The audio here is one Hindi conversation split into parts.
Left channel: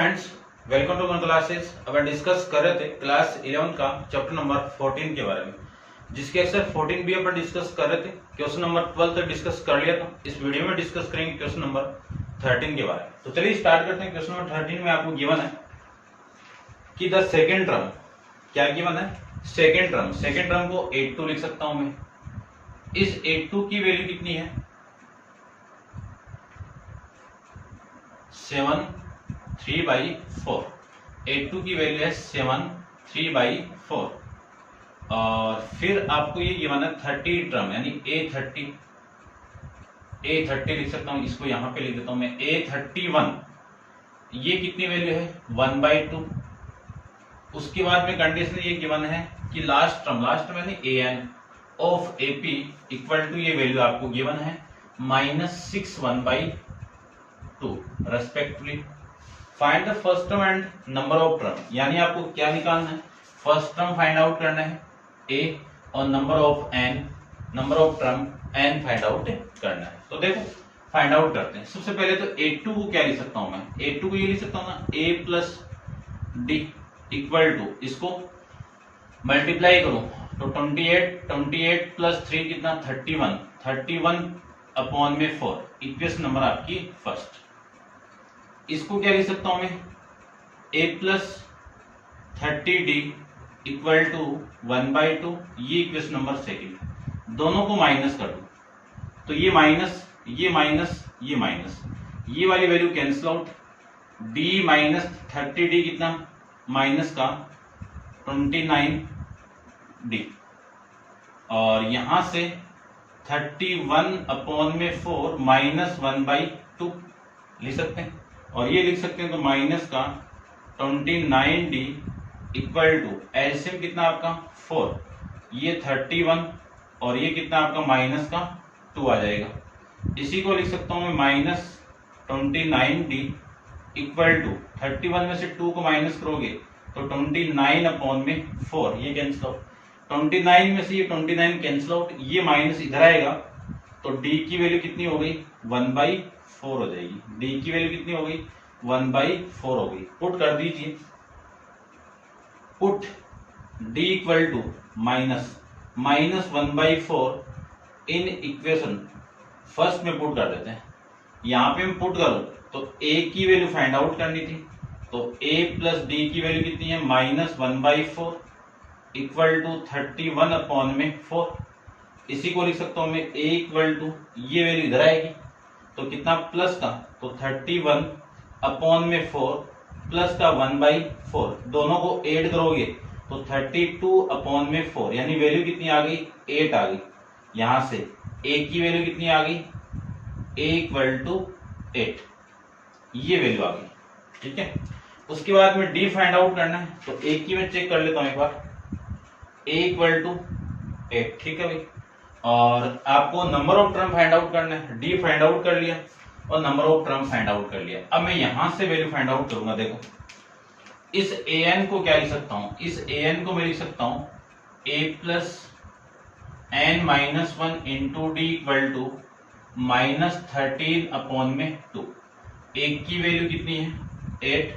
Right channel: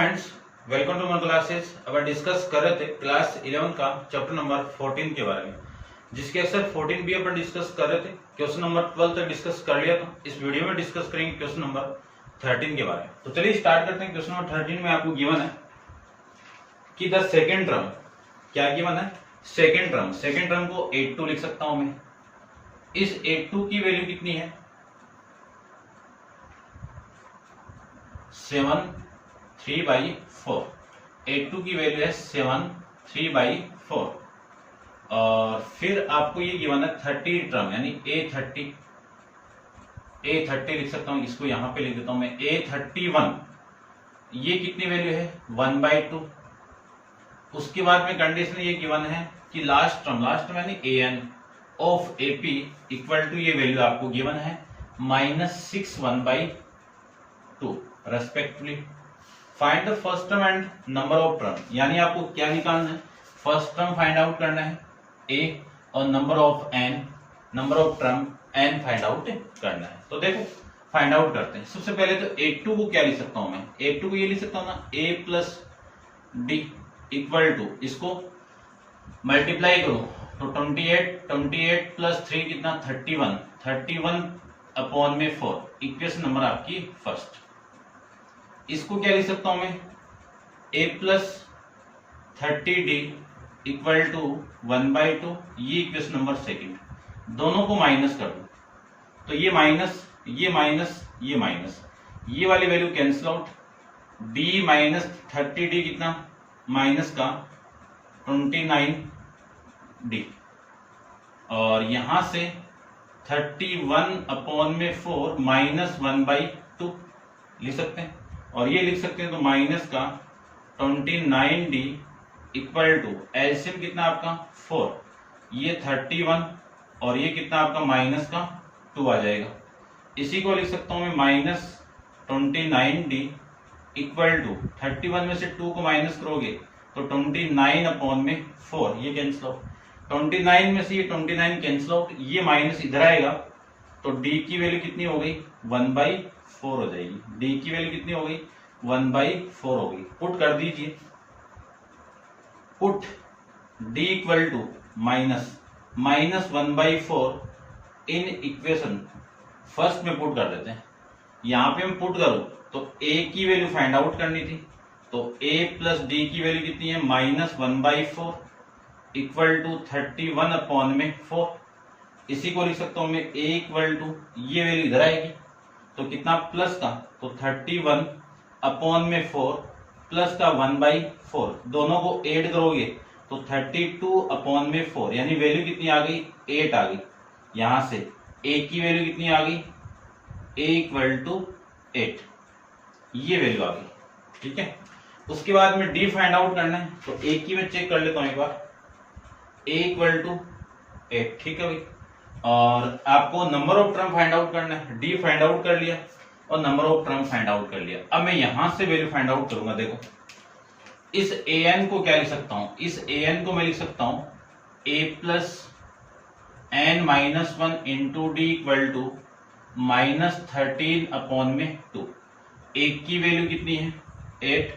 Friends, welcome to my classes. अब डिस्कस कर रहे थे क्लास 11 का चैप्टर नंबर 14 के बारे में, जिसके अक्सर 14 भी अपन डिस्कस कर रहे थे। क्वेश्चन नंबर 12 तक डिस्कस कर लिया था। इस वीडियो में डिस्कस करेंगे क्वेश्चन नंबर 13 के बारे में। तो चलिए स्टार्ट करते हैं। क्वेश्चन नंबर 13 में आपको गिवन है कि द सेकेंड टर्म, क्या गिवन है? सेकेंड टर्म को 82 लिख सकता हूं मैं। इस 82 की वैल्यू कितनी है? 7/3/4। 82 की वैल्यू है 7/3/4। और फिर आपको ये गिवन है 30 टर्म, यानी A30 लिख सकता हूं। इसको यहां पे लिख देता हूं मैं A31। ये कितनी वैल्यू है? 1/2। उसके बाद में कंडीशन ये गिवन है कि लास्ट टर्म यानी AN of AP equal to, ये वैल्यू आपको गिवन है -6 1/2 respectively. Find the first term and number of term, यानी आपको क्या निकालना है? फर्स्ट टर्म फाइंड आउट करना है A और number of term N find out करना है। तो देखो फाइंड आउट करते हैं। सबसे पहले तो A2 को क्या लिख सकता हूं मैं? A2 को ये लिख सकता हूं ना, A plus D equal to, इसको मल्टीप्लाई करो तो 28 प्लस 3 कितना? 31 अपॉन में 4। इक्वेशन नंबर आपकी फर्स्ट। इसको क्या लिख सकता हूं मैं? A plus 30D equal to 1/2। ये इक्वेशन नंबर सेकेंड। दोनों को माइनस कर दो तो ये माइनस, ये वाली value cancel out. D minus 30D कितना? माइनस का 29D। और यहां से 31 अपॉन में 4 -1/2 लिख सकते हैं। और ये लिख सकते हैं तो माइनस का 29D इक्वल टू एलसीएम कितना आपका? 4। ये 31 और ये कितना आपका? माइनस का 2 आ जाएगा। इसी को लिख सकता हूं मैं -29D इक्वल टू 31 में से 2 को माइनस करोगे तो 29 अपॉन में 4, ये कैंसिल आउट। 29 में से ये 29 कैंसिल आउट, ये माइनस इधर आएगा तो D की वैल्यू कितनी हो गई? 1/4 हो जाएगी। D की वैल्यू कितनी हो गई? 1/4 हो गई। पुट कर दीजिए। Put D equal to -1/4 in equation first में पुट कर देते हैं। यहां पे हम पुट करूं तो A की वैल्यू फाइंड आउट करनी थी, तो A प्लस D की वैल्यू कितनी है? -1/4 इक्वल टू 31 अपॉन में 4। इसी को लिख सकता हूं मैं A इक्वल टू, ये वैल्यू इधर आएगी तो कितना? प्लस का, तो 31 अपॉन में 4 प्लस का 1/4। दोनों को ऐड करोगे तो 32 अपॉन में 4, यानी वैल्यू कितनी आ गई? 8 आ गई। यहां से A की वैल्यू कितनी आ गई? A इक्वल टू 8, ये वैल्यू आ गई। ठीक है। उसके बाद में D फाइंड आउट करना है तो A की मैं चेक कर लेता हूं एक बार। A इक्वल टू 8, ठीक है भाई। और आपको number of term find out करना है। D फाइंड आउट कर लिया और number of term find out कर लिया। अब मैं यहां से वैल्यू फाइंड आउट करूंगा। देखो इस AN को क्या लिख सकता हूं? इस AN को मैं लिख सकता हूं A plus N-1 into D equal to -13 upon में 2। A की वैल्यू कितनी है? 8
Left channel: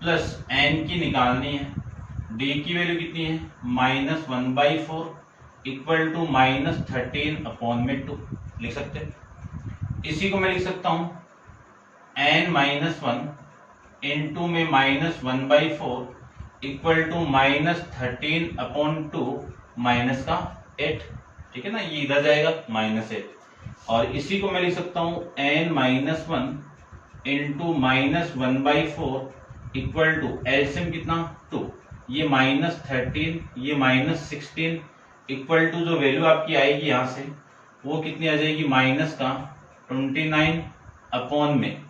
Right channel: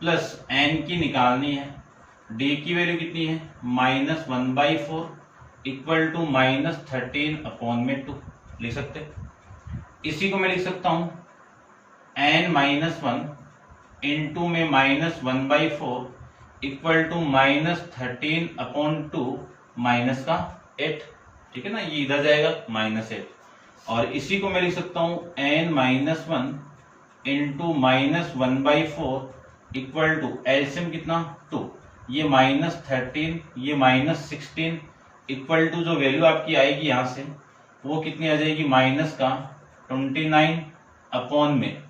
प्लस N की निकालनी है। D की वैल्यू कितनी है? -1/4 इक्वल टू -13 अपॉन में 2 लिख सकते हैं। इसी को मैं लिख सकता हूं N-1 इंटू में -1/4 इक्वल टू -13 अपॉन 2 माइनस का 8। ठीक है ना, ये इधर जाएगा -8। और इसी को मैं लिख सकता हूं N-1 into -1/4 equal to LCM कितना? 2। ये -13, ये -16 इक्वल टू जो वैल्यू आपकी आएगी यहां से वो कितनी आ जाएगी? माइनस का 29 अपॉन में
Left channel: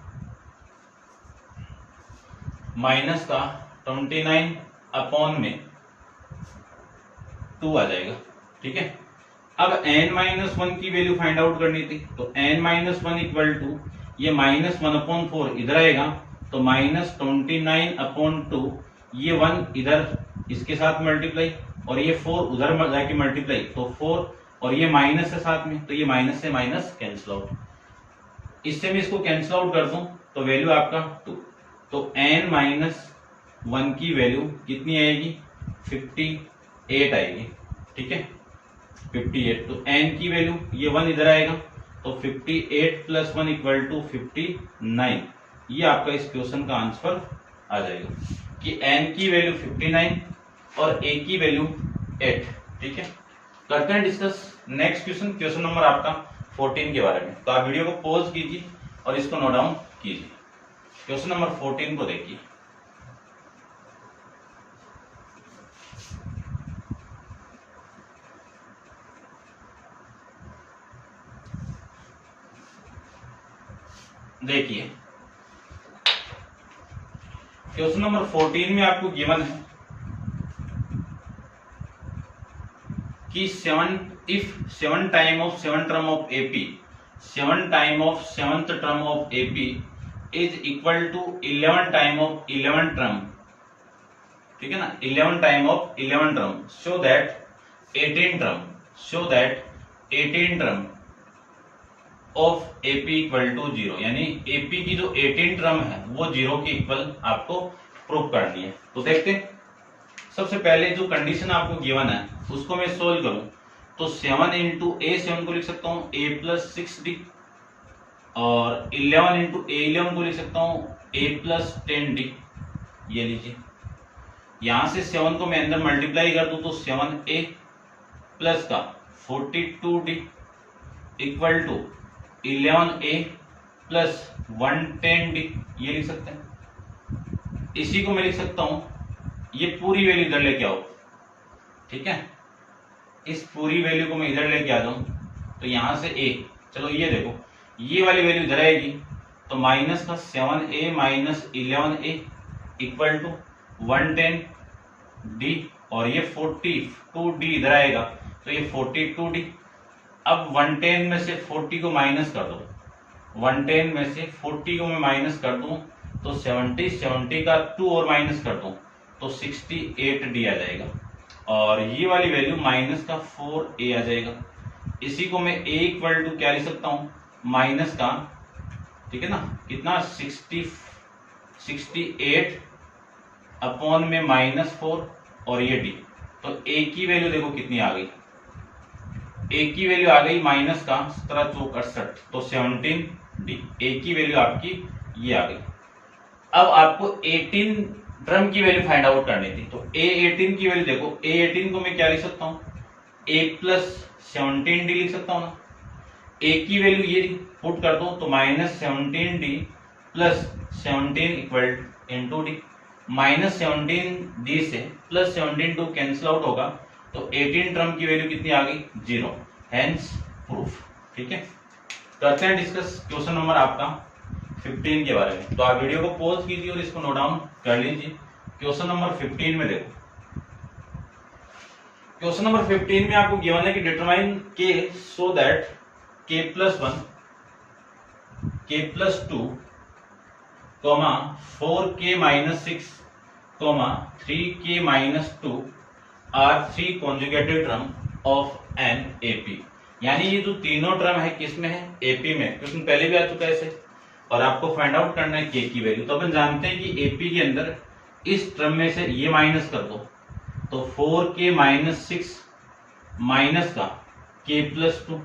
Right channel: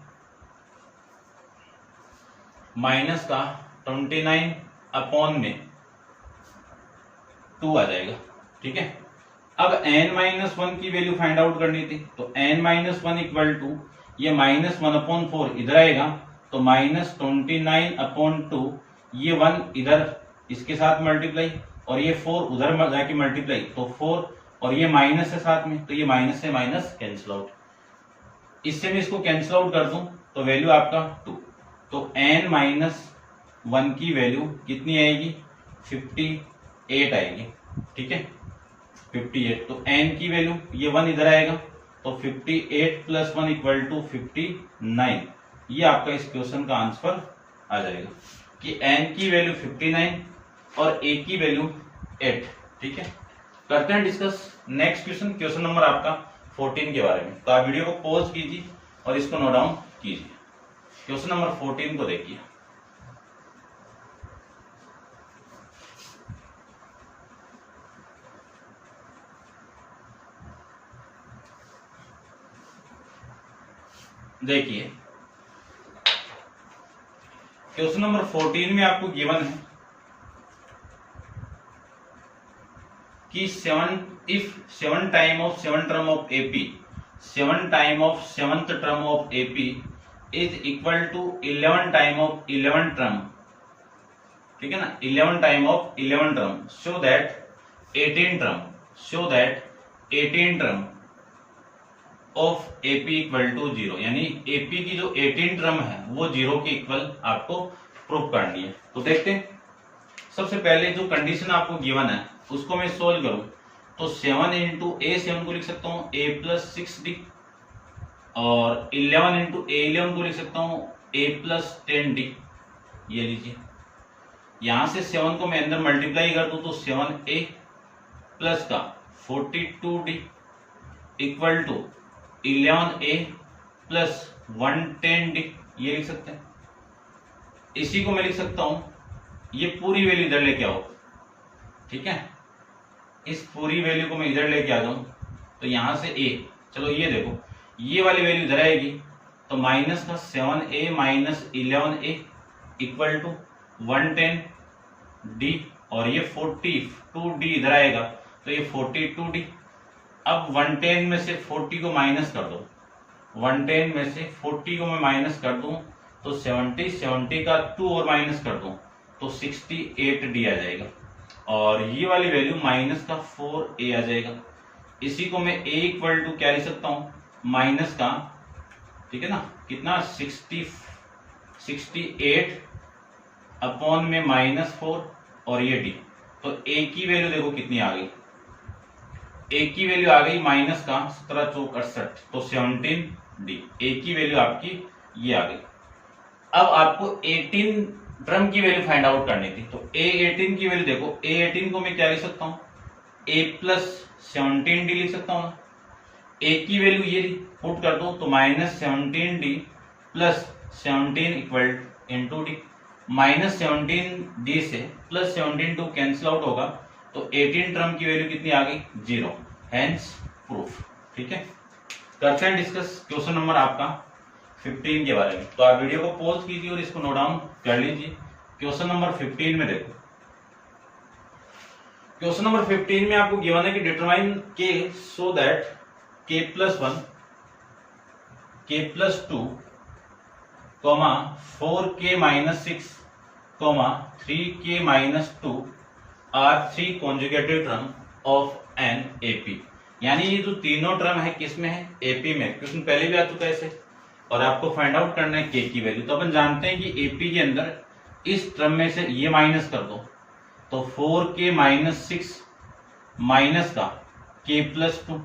-2 आ जाएगा। ठीक है। अब N-1 की वैल्यू फाइंड आउट करनी थी तो N-1 इक्वल टू, ये -1/4 इधर आएगा तो -29 अपॉन 2, ये 1 इधर इसके साथ मल्टीप्लाई और ये 4 उधर जाके मल्टीप्लाई, तो 4 और ये माइनस है साथ में, तो ये माइनस से माइनस कैंसिल आउट। इससे मैं इसको कैंसिल आउट कर दूं तो वैल्यू आपका 2। तो n माइनस 1 की वैल्यू कितनी आएगी, 58 आएगी। ठीक है, 58। तो n की वैल्यू ये 1 इधर आएगा, तो 58 प्लस 1 इक्वल टू 59। ये आपका इस क्वेश्चन का आंसर आ जाएगा कि n की वैल्यू 59 और a की वैल्यू 8। ठीक है, करते हैं discuss next question, question number आपका 14 के बारे में। तो आप वीडियो को पॉज कीजिए और इसको नोट डाउन कीजिए। क्वेश्चन नंबर 14 को देखिए। देखिए क्वेश्चन नंबर 14 में आपको गिवन है कि 7 time of 7 term of AP, 7 time of 7th term of AP is equal to 11 time of 11 term. ठीक है ना, 11 time of 11 term, so that 18 term of AP equal to 0, यानी एपी की जो 18 टर्म है वो 0 के इक्वल आपको प्रूव करनी है। तो देखते हैं, सबसे पहले जो कंडीशन आपको गिवन है उसको मैं सोल्व करूं तो 7 इंटू ए 7 को लिख सकता हूं a प्लस 6d, और 11 इंटू ए 11 को लिख सकता हूं a प्लस 10d। ये लीजिए, यहां से 7 को मैं अंदर मल्टीप्लाई कर दूं तो 7a प्लस का 42d equal to 11a plus 110d। ये लिख सकते हैं। इसी को मैं लिख सकता हूं, ये पूरी वैल्यू इधर लेके आओ। ठीक है, इस पूरी वैल्यू को मैं इधर लेके आ जाऊं तो यहां से a, चलो ये देखो, ये वाली वैल्यू इधर आएगी तो माइनस का 7a minus 11a equal to 110d, और ये 42d इधर आएगा तो ये 42d। अब 110 में से 40 को माइनस कर दो, 110 में से 40 को मैं माइनस कर दूं तो 70 का 2 और माइनस कर दूं तो 68d आ जाएगा, और ये वाली वैल्यू माइनस का 4a आ जाएगा। इसी को मैं a इक्वल टू क्या लिख सकता हूं, माइनस का, ठीक है ना, कितना 68 अपॉन में -4 और ये d। तो a की वैल्यू देखो कितनी आ गई, a की वैल्यू आ गई माइनस का 17 चौक 68, तो 17d। a की वैल्यू आपकी ये आ गई। अब आपको 18 टर्म की वैल्यू फाइंड आउट करनी थी, तो a18 की वैल्यू देखो, a18 को मैं क्या लिख सकता हूँ, a प्लस 17d लिख सकता हूँ ना। a की वैल्यू ये पुट कर दो तो -17d plus 17 equal into D, -17d से प्लस 17 टू कैंसिल आउट होगा तो 18 टर्म की वैल्यू कितनी आ गई, 0, हेंस प्रूफ। ठीक है, करते हैं डिस्कस क्वेश्चन नंबर आपका 15 के बारे में। तो आप वीडियो को पॉज कीजिए और इसको नोट डाउन कर लीजिए। क्वेश्चन नंबर 15 में देखो, क्वेश्चन नंबर 15 में आपको गिवन है कि determine k so that k plus 1, k plus 2, 4k minus 6, 3k minus 2 are 3 consecutive term of an AP. यानी ये जो तीनों टर्म है किसमें है, एपी में। क्वेश्चन पहले भी आ चुका है ऐसे, और आपको फाइंड आउट करना है k की वैल्यू। तो अपन जानते हैं कि एपी के अंदर इस टर्म में से ये माइनस कर दो तो 4k माइनस 6 माइनस का k प्लस 2,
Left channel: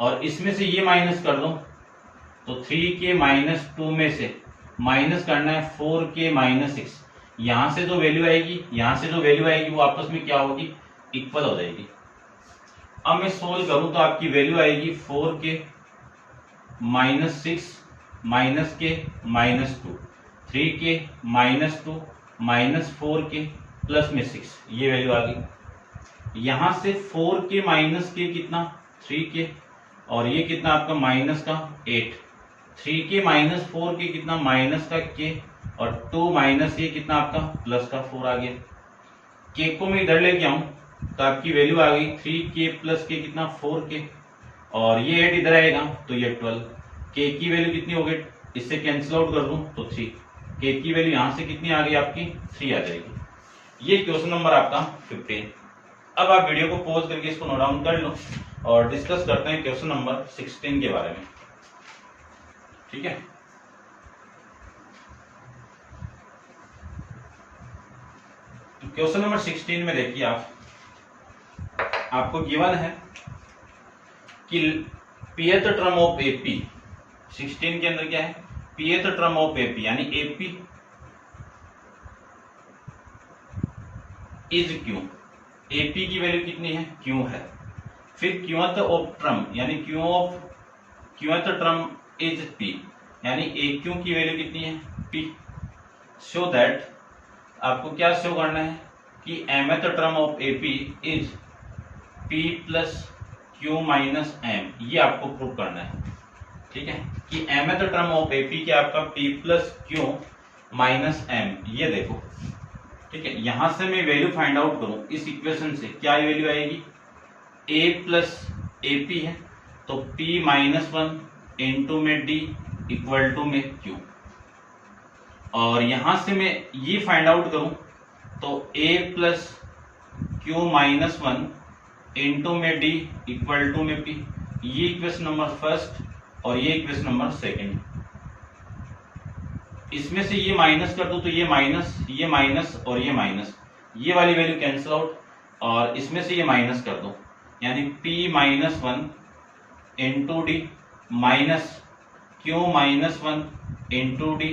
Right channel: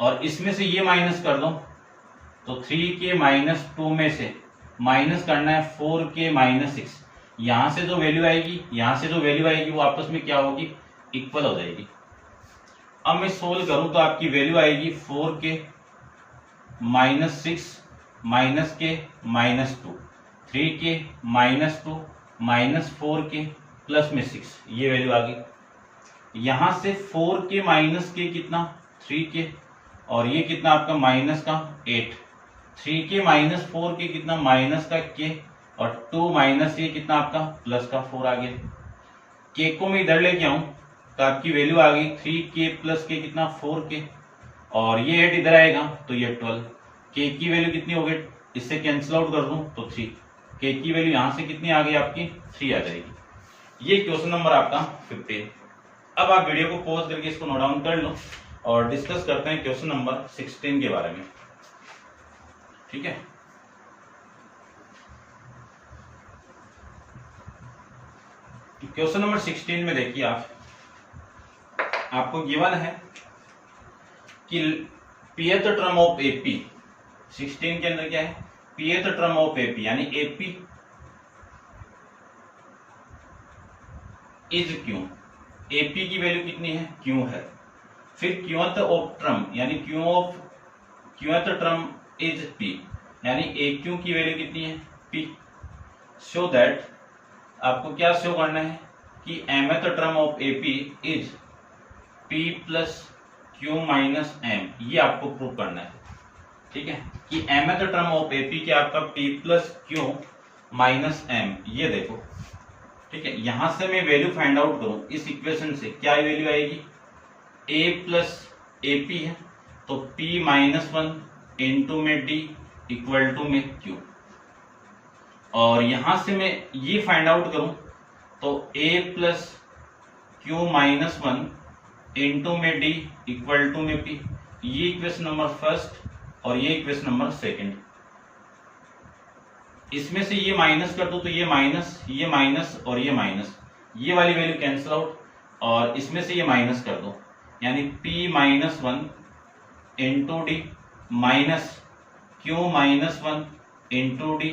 और इसमें से ये माइनस कर दो तो 3k माइनस 2 में से माइनस करना है 4k माइनस 6। यहां से जो वैल्यू आएगी, यहां से जो वैल्यू आएगी वो आपस में क्या होगी, इक्वल हो जाएगी। अब मैं सोल्व करूं तो आपकी वैल्यू आएगी 4k माइनस 6 माइनस के minus 2, 3k minus 2 minus 4k plus में 6, ये वैल्यू आ गई। यहां से 4k माइनस के कितना, 3k, और ये कितना आपका माइनस का 8, 3k माइनस 4k कितना माइनस का k, और 2 माइनस ये कितना आपका प्लस का 4 आ गया। k को मैं इधर लेके आऊं तो आपकी वैल्यू आ गई 3k प्लस के कितना 4k, और ये 8 इधर आएगा तो ये 12। k की वैल्यू कितनी हो गई, इससे कैंसिल आउट कर दूं तो 3, k की वैल्यू यहां से कितनी आ गई आपकी 3 आ जाएगी। ये क्वेश्चन नंबर आपका 15। अब आप वीडियो को पॉज करके इसको नोट डाउन कर लो और डिस्कस करते हैं क्वेश्चन नंबर 16 के बारे में। ठीक है, क्वेश्चन नंबर 16 में देखिए आपको गिवन है कि pth टर्म ऑफ एपी, 16 के अंदर क्या है, pth टर्म ऑफ एपी यानी एपी इज क्यू, एपी की वैल्यू कितनी है, क्यू है। फिर क्यूथ ऑफ टर्म यानी क्यूथ टर्म इज पी यानी ए क्यू की वैल्यू कितनी है, पी। सो दैट आपको क्या शो करना है कि mth term of AP is P plus Q minus M, ये आपको प्रूव करना है। ठीक है कि mth टर्म ऑफ एपी क्या आपका p plus Q minus M, ये देखो। ठीक है, यहां से मैं वैल्यू फाइंड आउट करूं इस इक्वेशन से, क्या वैल्यू आएगी, a प्लस एपी है तो p माइनस 1 इंटू में d इक्वल टू में q, और यहां से मैं ये फाइंड आउट करूं तो a plus Q minus 1 into में d इक्वल टू में p, ये इक्वेशन नंबर फर्स्ट और ये इक्वेशन नंबर सेकंड। इसमें से ये माइनस कर दो तो ये माइनस और ये माइनस, ये वाली वैल्यू कैंसिल आउट, और इसमें से ये माइनस कर दो यानी p minus 1 into D minus Q minus 1 into D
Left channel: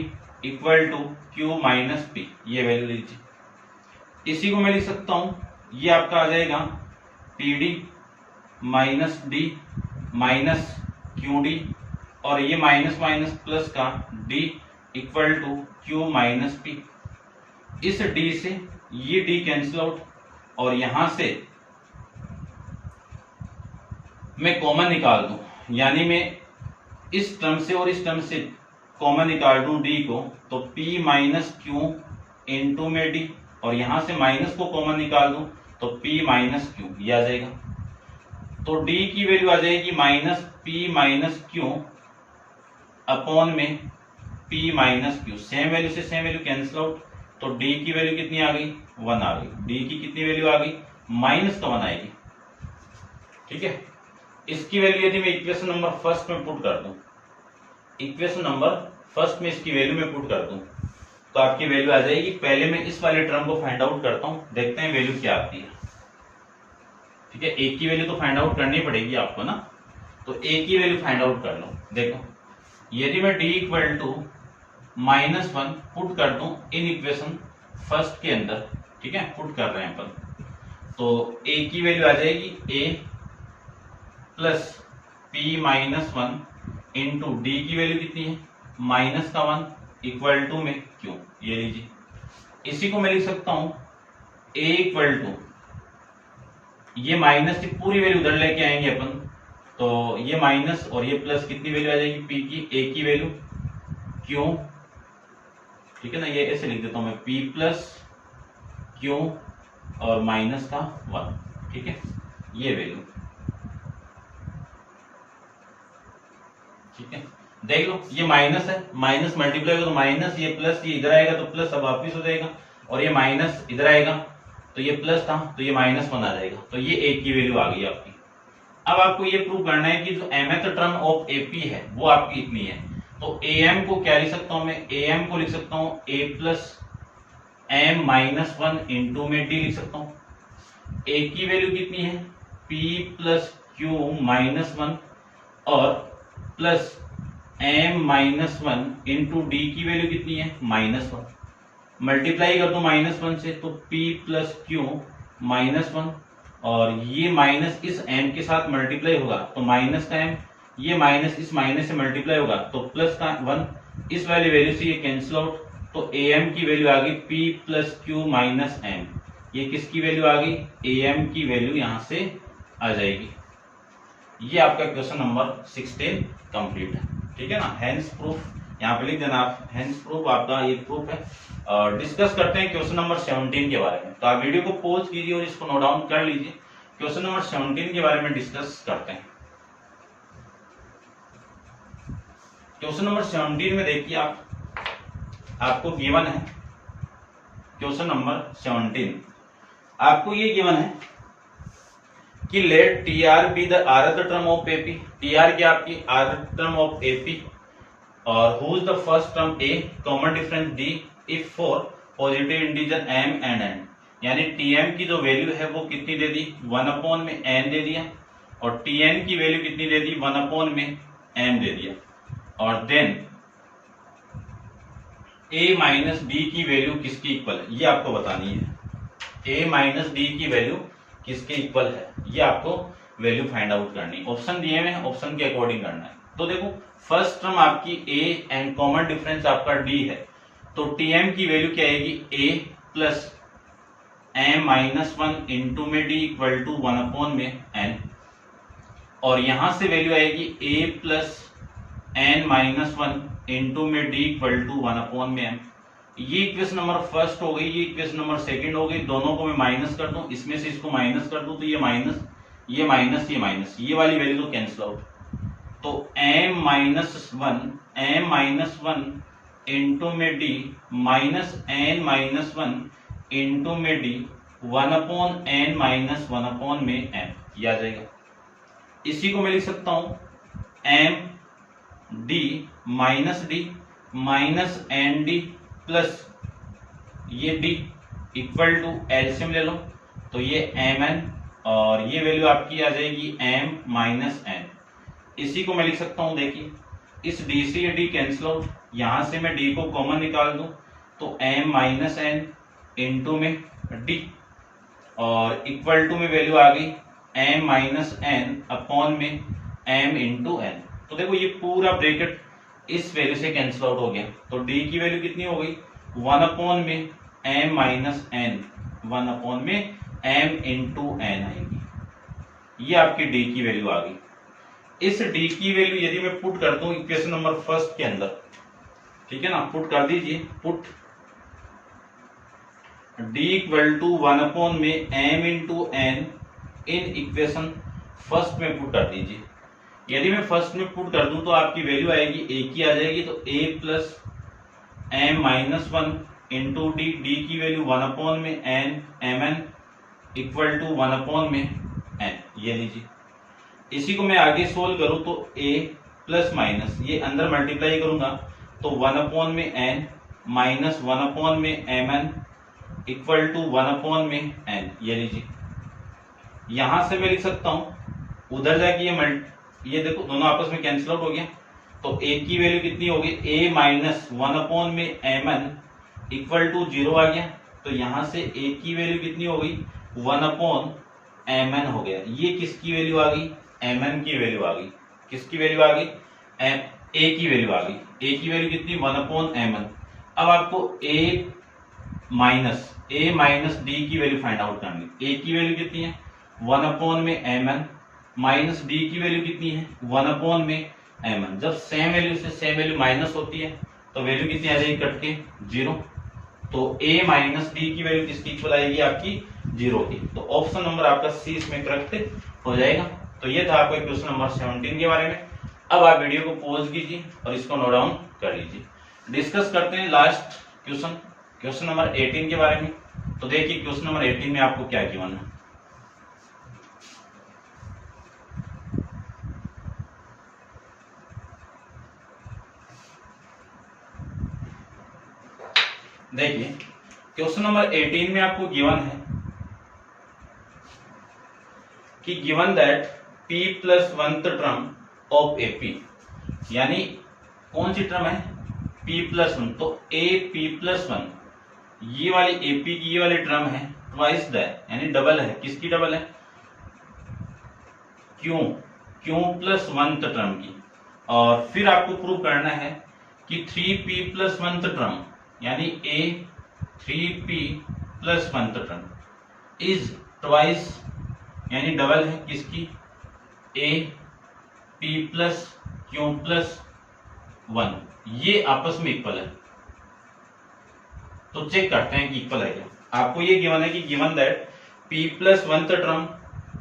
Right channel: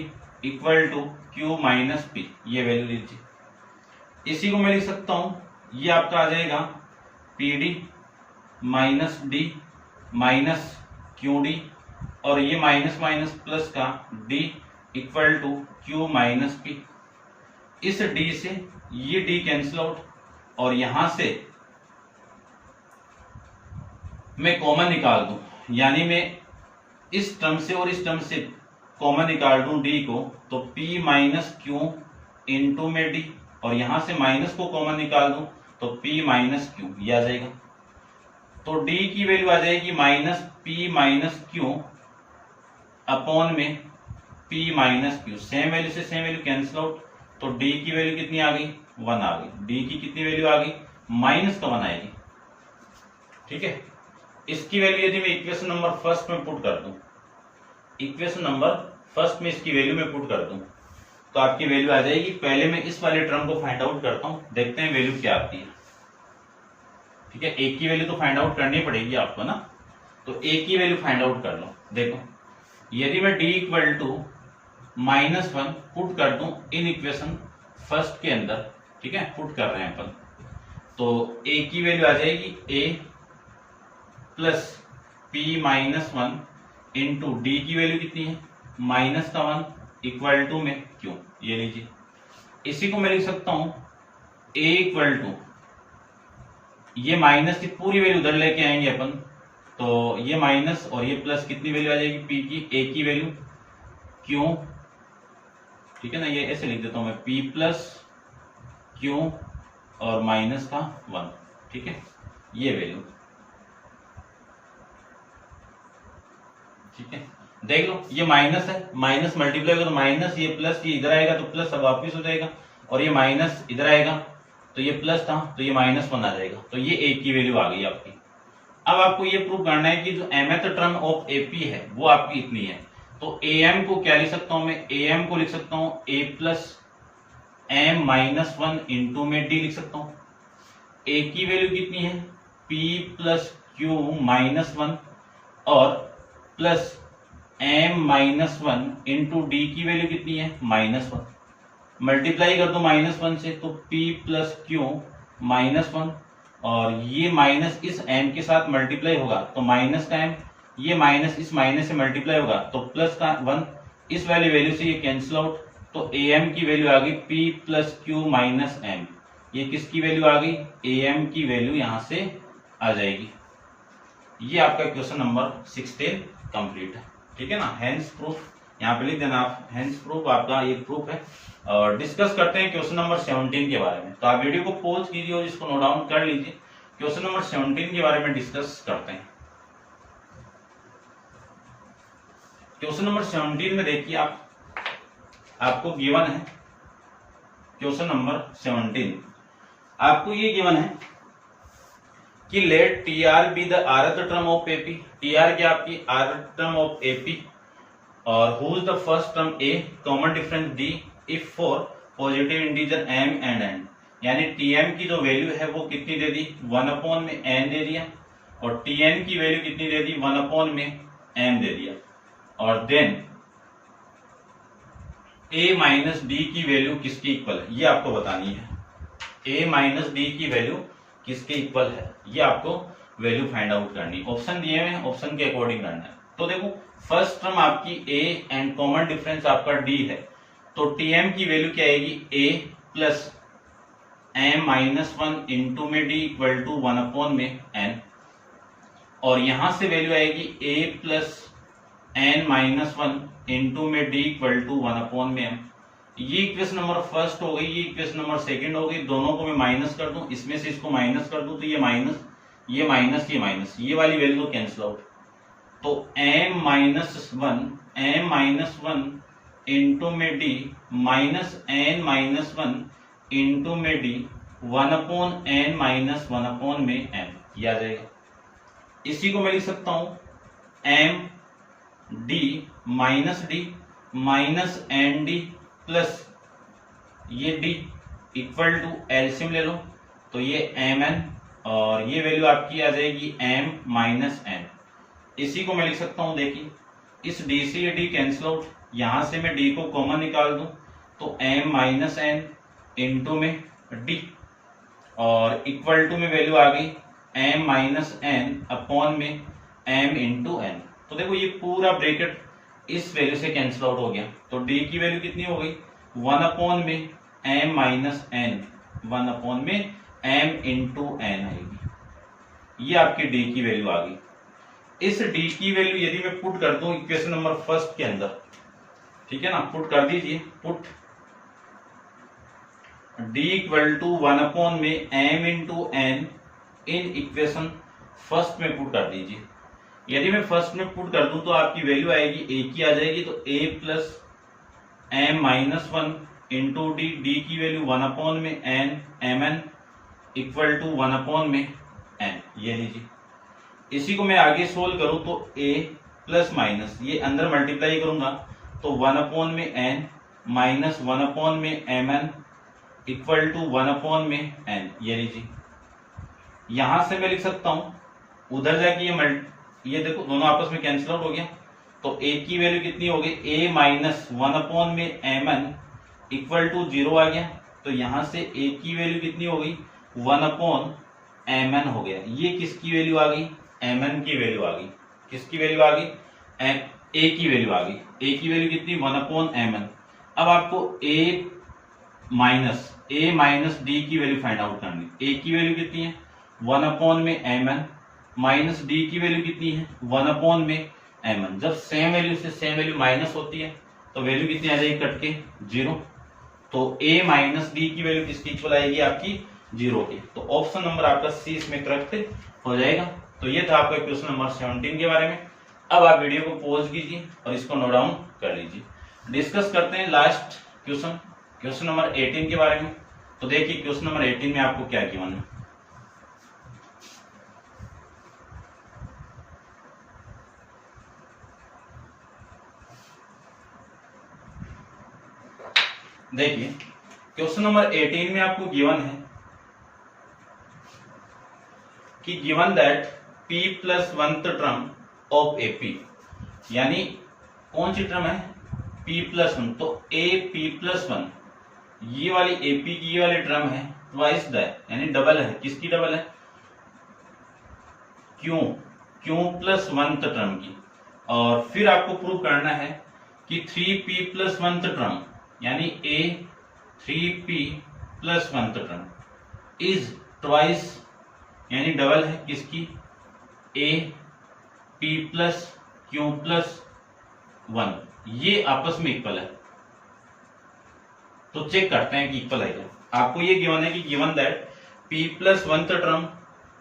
equal to Q minus P, ये वैल्यू लीजिए। इसी को मैं लिख सकता हूं, ये आपका आ जाएगा P D minus D minus Q D, और ये माइनस माइनस प्लस का D equal to Q minus P. इस डी से ये डी कैंसिल आउट, और यहां से मैं कॉमन निकाल दूं, यानी मैं इस टर्म से और इस टर्म से कॉमन निकाल दूं डी को, तो p माइनस क्यू इंटू में डी, और यहां से माइनस को कॉमन निकाल दूं तो p माइनस क्यू, ये आ जाएगा। तो d की वैल्यू आ जाएगी minus p minus Q upon में p minus Q, same value से सेम वैल्यू कैंसिल आउट, तो d की वैल्यू कितनी आ गई, 1 आ गई। d की कितनी वैल्यू आ गई, माइनस का 1 आएगी। ठीक है, इसकी वैल्यू यदि मैं इक्वेशन नंबर फर्स्ट में पुट कर दूं, इक्वेशन नंबर फर्स्ट में इसकी वैल्यू में पुट कर दूं तो आपकी वैल्यू आ जाएगी। पहले मैं इस वाले टर्म को फाइंड आउट करता हूं, देखते हैं वैल्यू क्या आती है। ठीक है, ए की वैल्यू तो फाइंड आउट करनी पड़ेगी आपको ना, तो ए की वैल्यू फाइंड आउट कर लो। देखो, यदि मैं D equal to minus 1 put कर दूं इन इक्वेशन फर्स्ट के अंदर, ठीक है, पुट कर रहे हैं अपन, तो ए की वैल्यू आ जाएगी a plus p minus 1 into d की वैल्यू कितनी है, माइनस का 1 इक्वल टू में क्यू, ये लीजिए। इसी को मैं लिख सकता हूं ए इक्वल टू, ये माइनस की पूरी वैल्यू उधर लेके आएंगे अपन, तो ये माइनस और ये प्लस, कितनी वैल्यू आ जाएगी पी की, ए की वैल्यू क्यू, ठीक है ना, ये ऐसे लिख देता हूं मैं, पी प्लस क्यू और माइनस का 1, ठीक है, ये वैल्यू। ठीक है, देख लो, ये माइनस है, माइनस मल्टीप्लाई होगा तो माइनस, ये प्लस, ये इधर आएगा तो प्लस अब वापिस हो जाएगा, और ये माइनस इधर आएगा तो ये प्लस था तो ये माइनस 1 आ जाएगा, तो ये ए की वैल्यू आ गई आपकी। अब आपको ये प्रूव करना है कि जो mth टर्म ऑफ एपी है वो आपकी इतनी है, तो am को क्या लिख सकता हूं मैं, am को लिख सकता हूं a plus m minus 1 into में d लिख सकता हूं। a की वैल्यू कितनी है, p प्लस क्यू माइनस 1 और plus m minus 1 into d की वैल्यू कितनी है, माइनस 1। मल्टीप्लाई कर दो माइनस 1 से तो p प्लस क्यू माइनस 1, और ये माइनस इस m के साथ मल्टीप्लाई होगा तो माइनस का m, ये माइनस इस माइनस से मल्टीप्लाई होगा तो प्लस का 1, इस वाली वैल्यू से ये कैंसिल आउट, तो am की वैल्यू आ गई p plus Q minus m, ये किसकी वैल्यू आ गई, am की वैल्यू यहां से आ जाएगी। ये आपका क्वेश्चन नंबर 16 कंप्लीट है। ठीक है ना, हेंस प्रूफ यहाँ पे लिख देना आप, हेंस प्रूफ आपका ये प्रूफ है। और डिस्कस करते हैं क्वेश्चन नंबर 17 के बारे में, तो आप वीडियो को पॉज कीजिए और इसको नोट डाउन कर लीजिए। क्वेश्चन नंबर 17 के बारे में डिस्कस करते हैं। क्वेश्चन नंबर 17 में देखिए आपको गिवन है, क्वेश्चन नंबर 17 आपको ये गिवन है कि let T R be the rth term of AP, T R की आपकी rth टर्म ऑफ एपी, और who is the first term A, common difference D if for positive integer m and n। यानी Tm की जो वैल्यू है वो कितनी दे दी, 1 में n दे दिया, और Tn की वैल्यू कितनी दे दी, 1 में m दे दिया, और देन a माइनस डी की वैल्यू किसकी इक्वल है ये आपको बतानी है। a माइनस डी की वैल्यू किसके इक्वल है ये आपको वैल्यू फाइंड आउट करनी है। ऑप्शन दिए हुए हैं, ऑप्शन के अकॉर्डिंग करना है। तो देखो फर्स्ट टर्म आपकी a एंड कॉमन डिफरेंस आपका d है, तो Tm की वैल्यू क्या आएगी, a plus m minus 1 into में d इक्वल टू 1 में n, और यहां से वैल्यू आएगी a plus n minus 1 into में d इक्वल टू 1 में m। ये इक्वेशन नंबर फर्स्ट हो गई, ये इक्वेशन नंबर सेकंड हो गई, दोनों को मैं माइनस कर दूं, इसमें से इसको माइनस कर दूं तो ये माइनस, ये माइनस, ये माइनस, ये वाली वैल्यू तो कैंसिल आउट। तो m माइनस 1 इंटू में d minus n minus 1 into में d 1/n माइनस 1 में m, ये आ जाएगा। इसी को मैं लिख सकता हूं m d minus N D plus ये d इक्वल टू एलसीएम ले लो तो ये mn, और ये वैल्यू आपकी आ जाएगी m माइनस n। इसी को मैं लिख सकता हूं, देखिए इस d से ये d कैंसिल आउट, यहां से मैं d को कॉमन निकाल दूं तो m माइनस n इंटू में d, और इक्वल टू में वैल्यू आ गई m माइनस n अपॉन में m इंटू n। तो देखो ये पूरा ब्रैकेट इस वैल्यू से कैंसिल आउट हो गया, तो d की वैल्यू कितनी हो गई, 1 में m माइनस n, 1 में m इंटू n आएगी, ये आपकी d की वैल्यू आ गई। इस d की वैल्यू यदि मैं पुट कर दूं इक्वेशन नंबर फर्स्ट के अंदर, ठीक है ना, पुट कर दीजिए, पुट d इक्वल टू 1 में m इंटू n इन इक्वेशन फर्स्ट में पुट कर दीजिए। यदि मैं फर्स्ट में पुट कर दूं तो आपकी वैल्यू आएगी a की आ जाएगी, तो a plus m minus 1 into D, D की वैल्यू 1 में n mn इक्वल टू 1 में n, ये लीजिए। इसी को मैं आगे सोल्व करूं तो a प्लस माइनस, ये अंदर मल्टीप्लाई करूंगा तो 1 में n माइनस 1 में mn इक्वल टू 1 में n, ये लीजिए। यहां से मैं लिख सकता हूं, उधर जाके ये देखो दोनों आपस में कैंसिल आउट हो गया, तो a की वैल्यू कितनी हो गई, a माइनस 1 में mn इक्वल टू 0 आ गया, तो यहां से a की वैल्यू कितनी हो गई, 1/mn हो गया। ये किसकी वैल्यू आ गई, mn की वैल्यू आ गई। किसकी वैल्यू आ गई, a की वैल्यू आ गई। a की वैल्यू कितनी, 1/mn। अब आपको a माइनस d की वैल्यू फाइंड आउट करनी। a की वैल्यू कितनी है, 1 में mn, माइनस d की वैल्यू कितनी है, 1 में mn। जब सेम वैल्यू से सेम वैल्यू माइनस होती है तो वैल्यू कितनी आ जाएगी, कट के 0। तो a माइनस डी की वैल्यू किसकी इक्वल आएगी, आपकी 0 की। तो ऑप्शन नंबर आपका सी इसमें करेक्ट हो जाएगा। तो ये था आपका क्वेश्चन नंबर 17 के बारे में। अब आप वीडियो को पॉज कीजिए और इसको नोट डाउन कर लीजिए। डिस्कस करते हैं लास्ट क्वेश्चन नंबर 18 के बारे में। तो देखिए क्वेश्चन नंबर 18 में आपको क्या गिवन है। देखिए क्वेश्चन नंबर 18 में आपको गिवन है कि given that p plus 1th term of AP, यानी कौन सी टर्म है, p प्लस 1। तो AP प्लस 1 ये वाली AP की ये वाली टर्म है ट्वाइस दैट, यानी डबल है। किसकी डबल है, Q प्लस 1th टर्म की। और फिर आपको प्रूव करना है कि 3p प्लस 1th टर्म यानी a 3p plus 1th term is twice, यानी डबल है किसकी, a p plus q plus 1, ये आपस में इक्वल है। तो चेक करते हैं कि इक्वल है क्या। आपको ये गिवन है कि given that p plus 1th term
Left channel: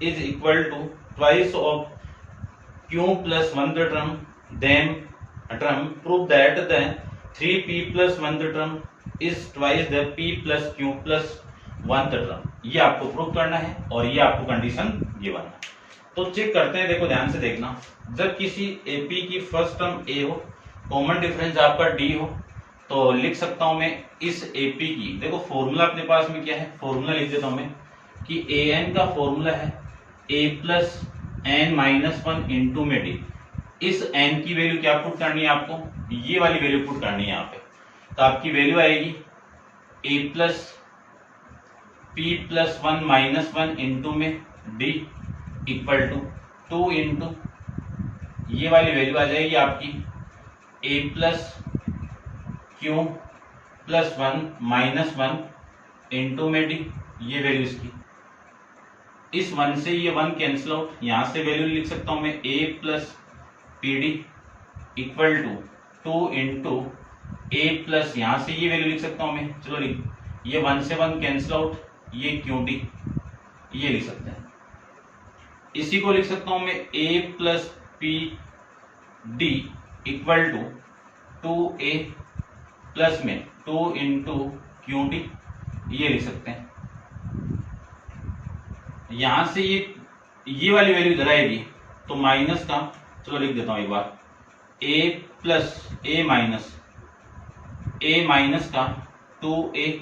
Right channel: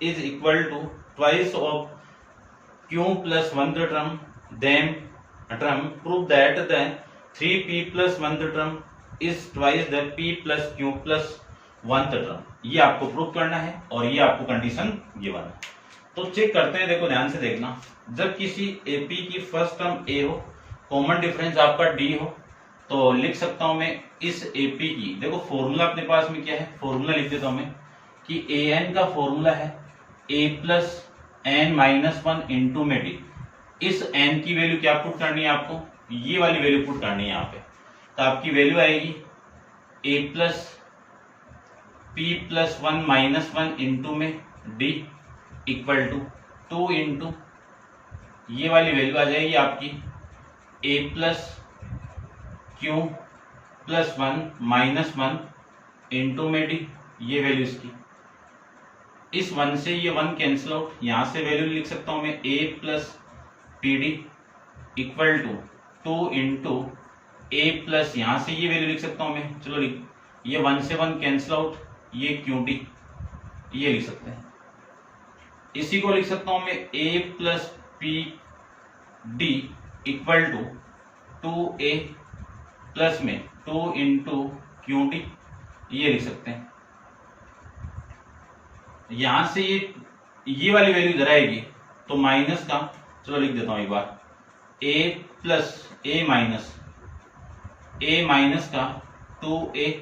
is equal to twice of q plus 1th term, then term prove that then 3p plus 1th term is twice the p plus q plus 1th term. ये आपको प्रूव करना है और ये आपको कंडीशन गिवन है। तो चेक करते हैं, देखो ध्यान से देखना। जब किसी AP की फर्स्ट टर्म a हो, कॉमन डिफरेंस आपका d हो, तो लिख सकता हूं मैं इस एपी की, देखो फॉर्मूला अपने पास में क्या है, फॉर्मूला लिख देता हूं मैं कि ए एन का फॉर्मूला है a plus n minus one into में डी। इस एन की वैल्यू क्या पुट करनी है आपको, ये वाली वैल्यू पुट करनी है यहाँ पे। तो आपकी वैल्यू आएगी a plus P plus one minus one into में डी इक्वल टू 2 इंटू ये वाली वैल्यू आ जाएगी आपकी a plus Q plus one minus one into में डी, ये वैल्यू इसकी। इस वन से ये वन कैंसिल आउट, यहां से वैल्यू लिख सकता हूं मैं a plus p d equal to 2 into a plus, यहां से ये वैल्यू लिख सकता हूं मैं, चलो लिख, ये वन से वन कैंसिल आउट, ये क्यू डी, ये लिख सकते हैं। इसी को लिख सकता हूं मैं a plus p d equal to 2a plus में 2 इंटू क्यू डी, ये लिख सकते हैं। यहां से ये वाली वैल्यू इधर आएगी तो माइनस का, चलो लिख देता हूं एक बार, a प्लस ए माइनस का 2a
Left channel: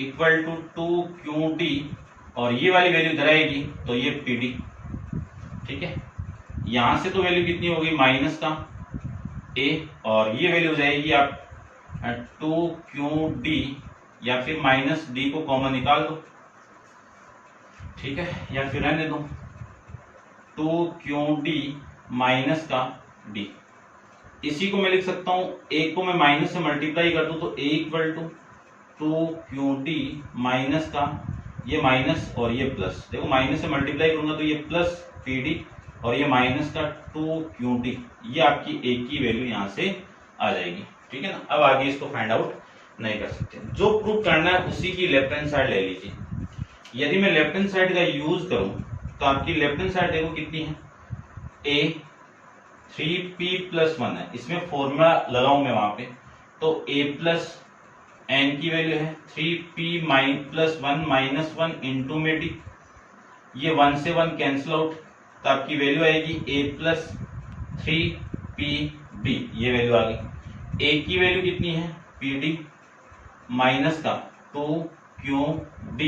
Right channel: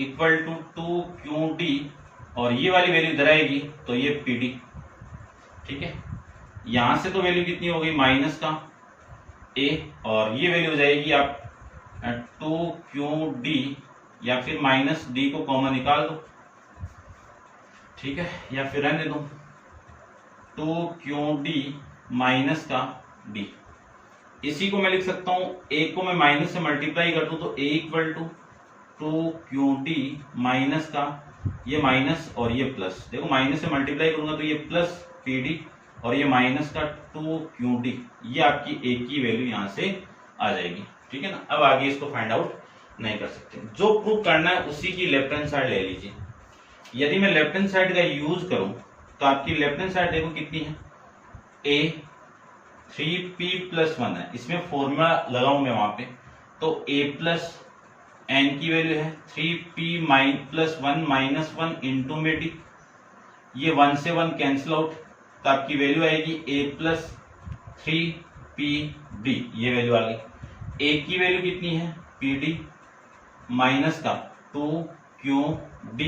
इक्वल टू 2qd, और ये वाली वैल्यू इधर आएगी तो ये pd, ठीक है। यहां से तो वैल्यू कितनी होगी माइनस का a, और ये वैल्यू हो जाएगी आप 2qd, या फिर माइनस डी को कॉमन निकाल दो, ठीक है, या फिर रहने दो 2qd माइनस का d। इसी को मैं लिख सकता हूं, एक को मैं माइनस से मल्टीप्लाई कर दूं तो a equal to 2qd minus का, ये माइनस और ये प्लस, देखो माइनस से मल्टीप्लाई करूंगा तो ये प्लस pd और ये माइनस का 2qd, ये आपकी a की वैल्यू यहां से आ जाएगी, ठीक है ना। अब आगे इसको फाइंड आउट नहीं कर सकते, जो प्रूव करना है उसी की लेफ्ट हैंड साइड ले लीजिए। यदि मैं लेफ्ट हैंड साइड का यूज करूं तो आपकी लेफ्ट हैंड साइड देखो कितनी है, a 3p प्लस 1 है, इसमें फॉर्मूला लगाऊं मैं वहां पे, तो a प्लस एन की वैल्यू है 3p प्लस 1 माइनस 1 इंटू में डी, ये 1 से 1 कैंसिल आउट, तो आपकी वैल्यू आएगी a प्लस 3pd, ये वैल्यू आ गई। a की वैल्यू कितनी है pd माइनस का 2qd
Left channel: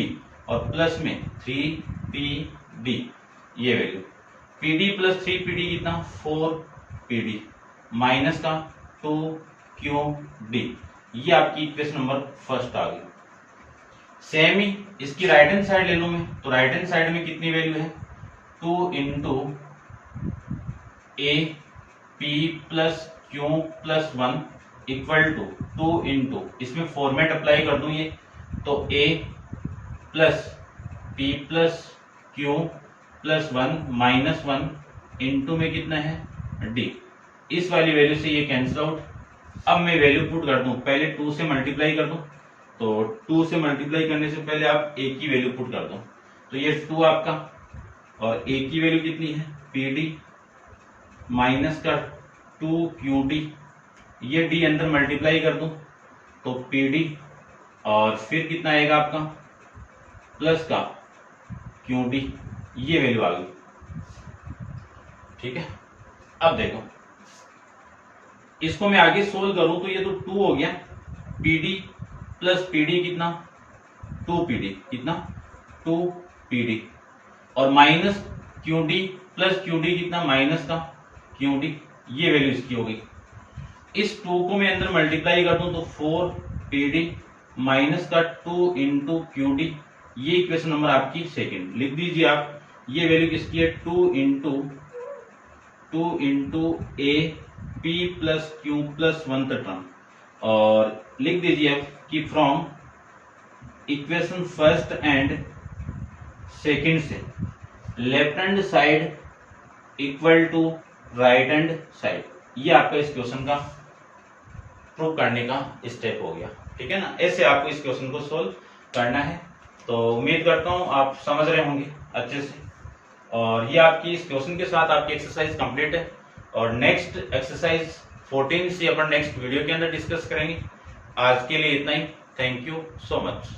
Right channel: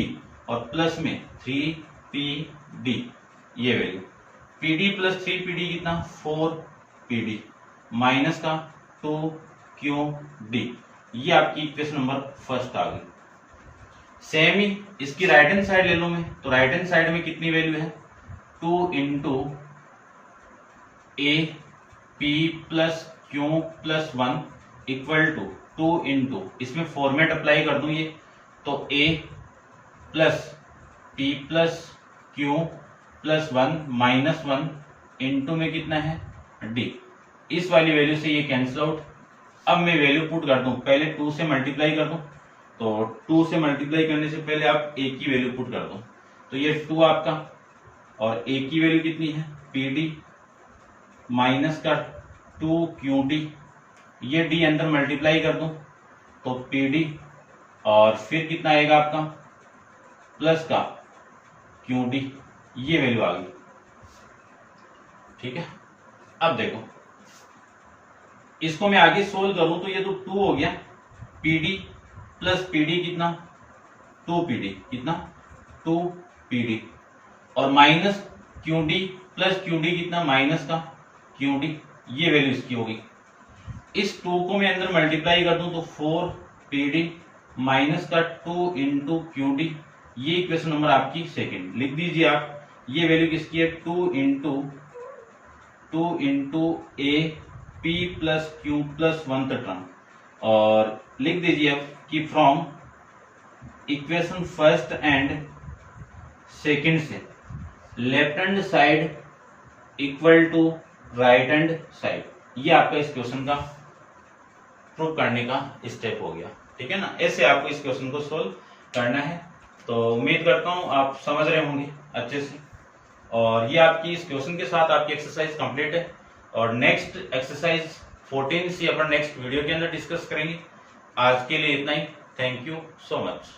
और प्लस में 3pd, ये वैल्यू। pd प्लस 3pd कितना 4pd माइनस का 2qd, ये आपकी इक्वेशन नंबर फर्स्ट आ गई। सेम ही इसकी राइट हैंड साइड ले लूं मैं, तो राइट हैंड साइड में कितनी वैल्यू है 2 into A P plus Q plus 1 equal to 2 into, इसमें फॉर्मेट अप्लाई कर दूं ये, तो a plus P plus Q plus 1 minus 1 into में कितना है d, इस वाली वैल्यू से ये कैंसिल आउट। अब मैं वैल्यू पुट कर दूं, पहले 2 से मल्टीप्लाई कर दूं, तो 2 से मल्टीप्लाई करने से पहले आप a की वैल्यू पुट कर दो, तो ये 2 आपका, और a की वैल्यू कितनी है pd माइनस का 2qd, ये d अंदर मल्टीप्लाई कर दूं तो pd, और फिर कितना आएगा आपका प्लस का qd, ये वैल्यू आ गई, ठीक है। अब देखो इसको मैं आगे सोल्व करूं तो ये तो 2 हो गया, pd प्लस pd कितना 2pd, कितना 2pd, और माइनस qd प्लस qd कितना माइनस का qd, ये वैल्यू इसकी होगी। इस 2 को मैं अंदर मल्टीप्लाई कर दूं तो 4pd माइनस का 2 इंटू qd, ये इक्वेशन नंबर आपकी सेकंड लिख दीजिए आप। ये वैल्यू किसकी है 2 into A P plus Q plus 1 तक टर्म, और लिख दीजिए आप कि from equation first and second से left hand side equal to right hand side, ये आपका इस क्वेश्चन का प्रूव करने का स्टेप हो गया, ठीक है ना। ऐसे आपको इस क्वेश्चन को सोल्व करना है, तो उम्मीद करता हूं आप समझ रहे होंगे अच्छे से। और ये आपकी इस क्वेश्चन के साथ आपकी एक्सरसाइज कंप्लीट है, और नेक्स्ट एक्सरसाइज 14 से अपन नेक्स्ट वीडियो के अंदर डिस्कस करेंगे। आज के लिए इतना ही, थैंक यू सो मच।